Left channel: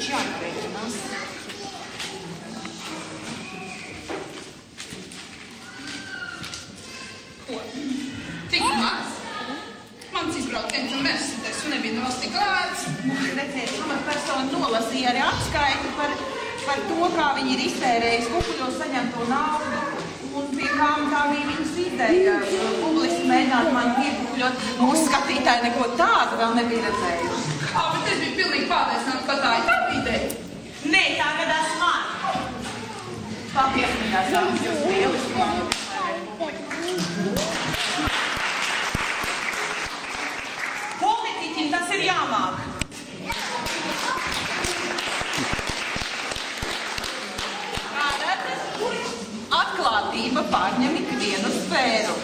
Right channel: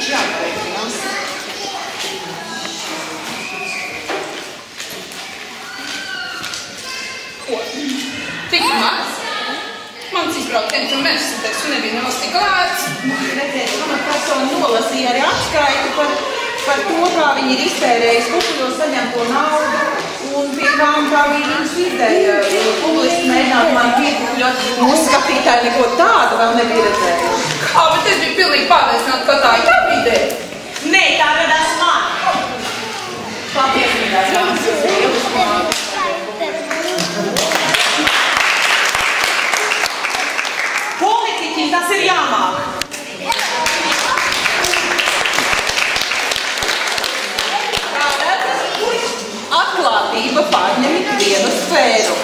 taču jāpareikinās. Ko? Tik maz? Mans izbrauciens un universitātes nebija nemaz tik lēts. Redziet, mana persona nolasīja arī atskaiti par to, kā viņi ir iztērējuši kukuļos saņemto naudu un pie kām tā bija viņas ideja. Publiski mēģināt man piekukuļot, mūsu skatītāji neko tādu vēl nebija redzējuši. Kā, bet es biju pilnīgi pārliecināta, ka tā ir tā ideja. Nē, tā radās man. Patiesībā tās jūs lieliski māki. Politiķim tas ir jāmāk. Kā redzat, atklātība pārņem ikvienu sfēru.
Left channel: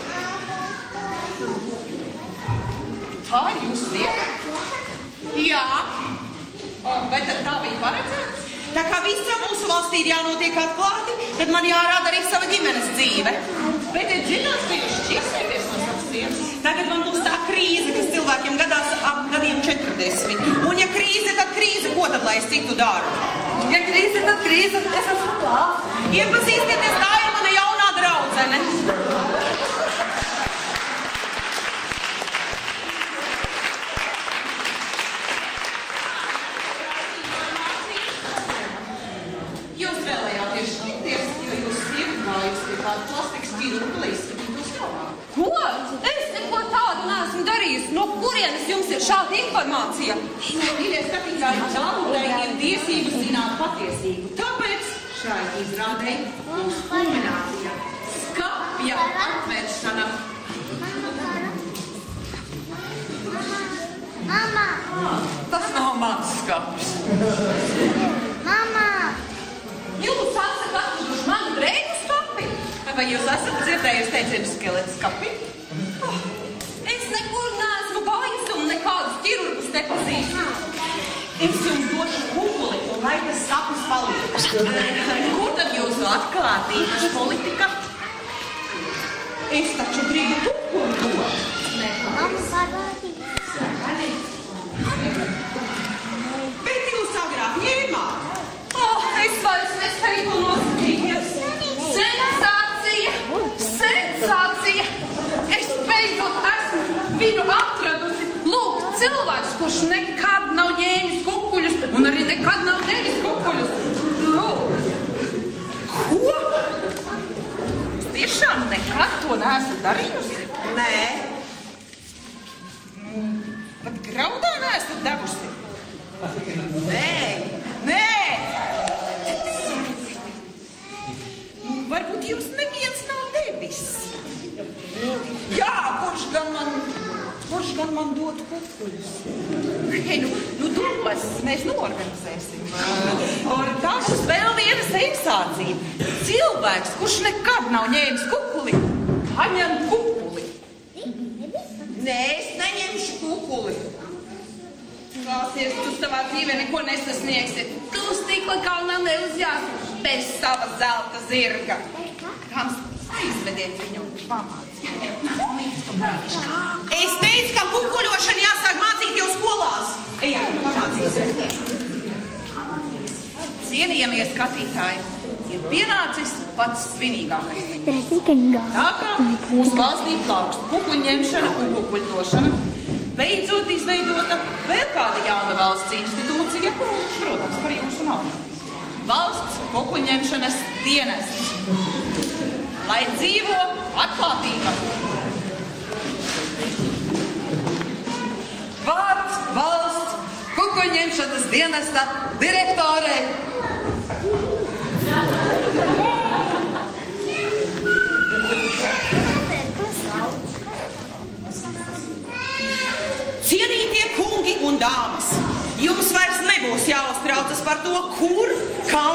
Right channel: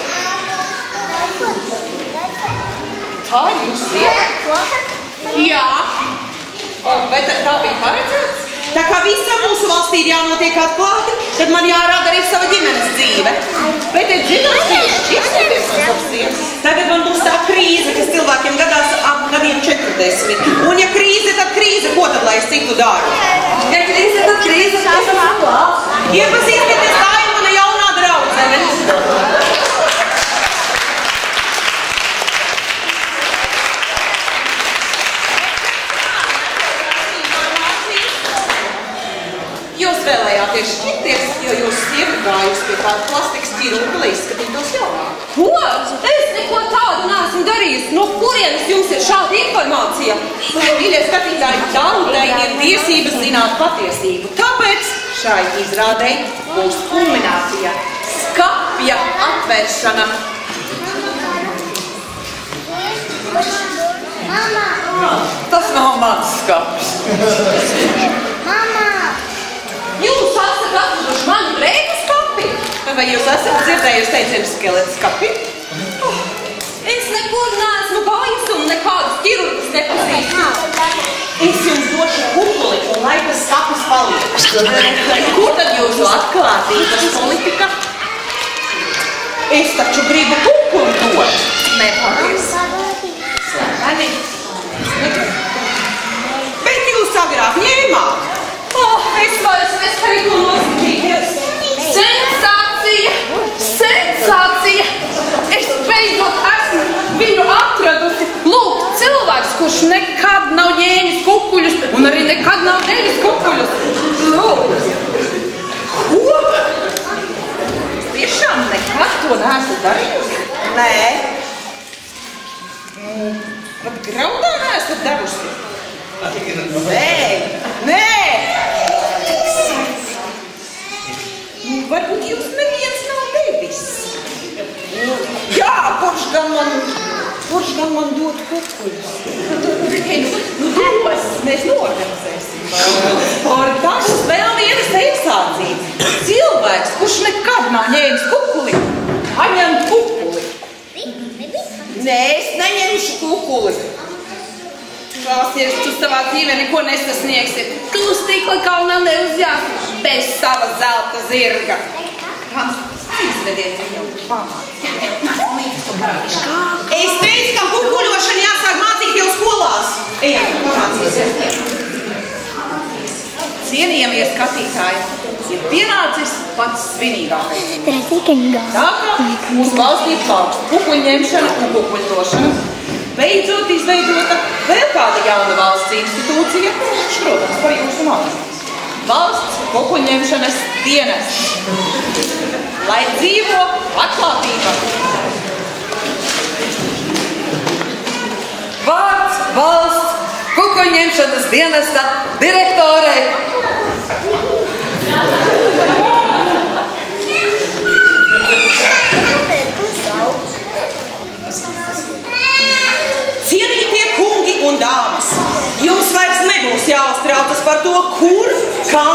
Tā ir jūsu vieta? Jā. Vai tā bija paredzēts? Tā kā visam mūsu valstī ir jānotiek atklāti, tad man jārada arī sava ģimenes dzīve. Bet es zināju, ka jūs šķirsieties no savas sievas. Tagad man būs tā krīze, kas cilvēkiem gadās ap gadiem 40. Un ja krīze, tad krīze, ko tad lai es citu daru? Ja krīze, tad krīze, es esmu atklāts. Iepazīstieties, tā ir mana jaunā draudzene. Jūs vēlējāties šķirties, jo jūs sieva gājusi pie kāda plastikas ķirurga, lai izskatītos jaunāk. Ko? Es neko tādu neesmu darījusi. No kurienes jums ir šāda informācija? Mīļie skatītāji, tautai ir tiesības zināt patiesību. Tāpēc šai izrādei būs kulminācija. Skapja atvēršana. Mama! Tas nav mans skapis. Mama! Jūs esat atraduši manu drēbu skapi? Vai jūs esat dzirdējusi teicienu skeleta skapi? Es nekur neesmu gājusi un nekādus ķirurgus nepazīstu. Es jums došu kukuli un lai tas skapis paliek. Kur tad jūsu atklātības politika? Es taču gribu kukuli dot. Nepaldies. Slepeni. Bet jūs agrāk ņēmāt. Es vairs nespēju to noskatīties. Sensācija! Sensācija! Es beidzot esmu viņu atradusi. Lūk, cilvēks, kurš nekad nav ņēmis kukuļus un arī nekad nav devis kukuļus. Lūk. Ko? Tiešām nekad to neesat darījusi? Nē. Pat graudā neesat devusi? Nē. Varbūt jūs neviens nav devis. Jā, kurš gan man dot kukuļus? Hei, nu dos, mēs norganizēsim. Par tas vēl viena sensācija. Cilvēks, kurš nekad nav ņēmis kukuli, paņem kukuli. Nē, es neņemšu kukuli. Klausies, tu savā dzīvē neko nesasniegsi. Tu uz stikla kalnā neuzjās bez sava zelta zirga. Izvediet viņu pamācīt. Es teicu, ka kukuļošana jāsāk mācīt jau skolās. Ejam, pamācīsies. Cienījamie skatītāji, ir pienācis pats svinīgākais. Tā kā mūsu valstī plaukst kukuļņemšana un kukuļdošana, beidzot izveidota vēl kāda jauna valsts institūcija, protams, par jūsu naudu. Valsts kukuļņemšanas dienests. Lai dzīvo atklātība! Vārds valsts kukuļņemšanas dienesta direktorei. Cienītie kungi un dāmas, jums vairs nebūs jāuztraucas par to, kur, kā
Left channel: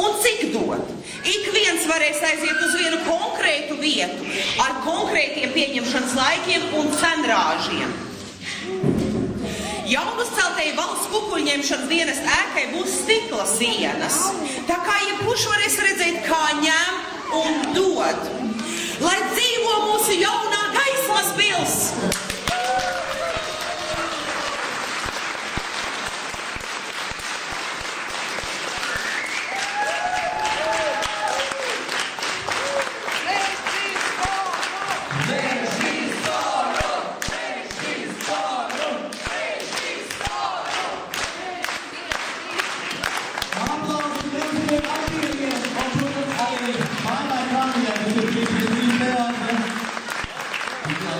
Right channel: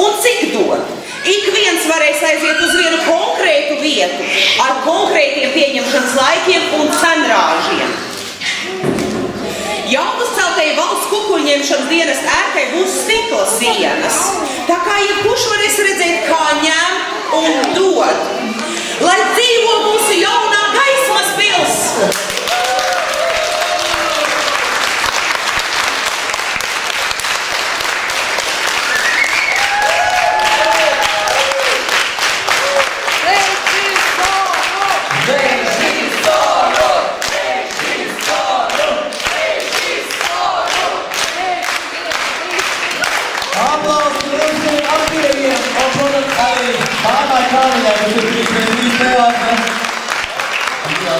un cik dot. Ik viens varēs aiziet uz vienu konkrētu vietu ar konkrētiem pieņemšanas laikiem un cenrāžiem. Jaunuzceltajai valsts kukuļņemšanas dienesta ēkai būs stikla sienas, tā kā jebkurš varēs redzēt, kā ņem un dod. Lai dzīvo mūsu jaunā gaismas pils!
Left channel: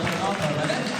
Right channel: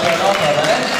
tā notē, vai ne?